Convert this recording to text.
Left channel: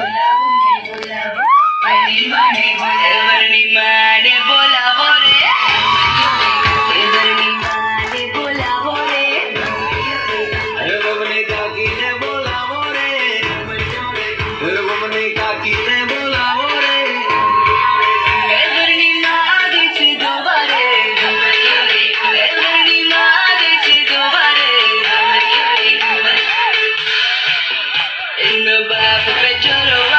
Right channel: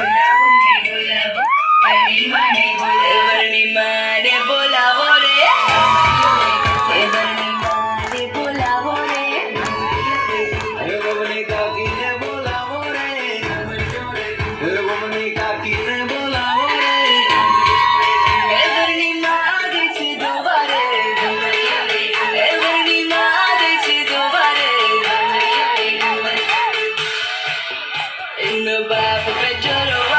Hallelujah. In the back of de l'eau.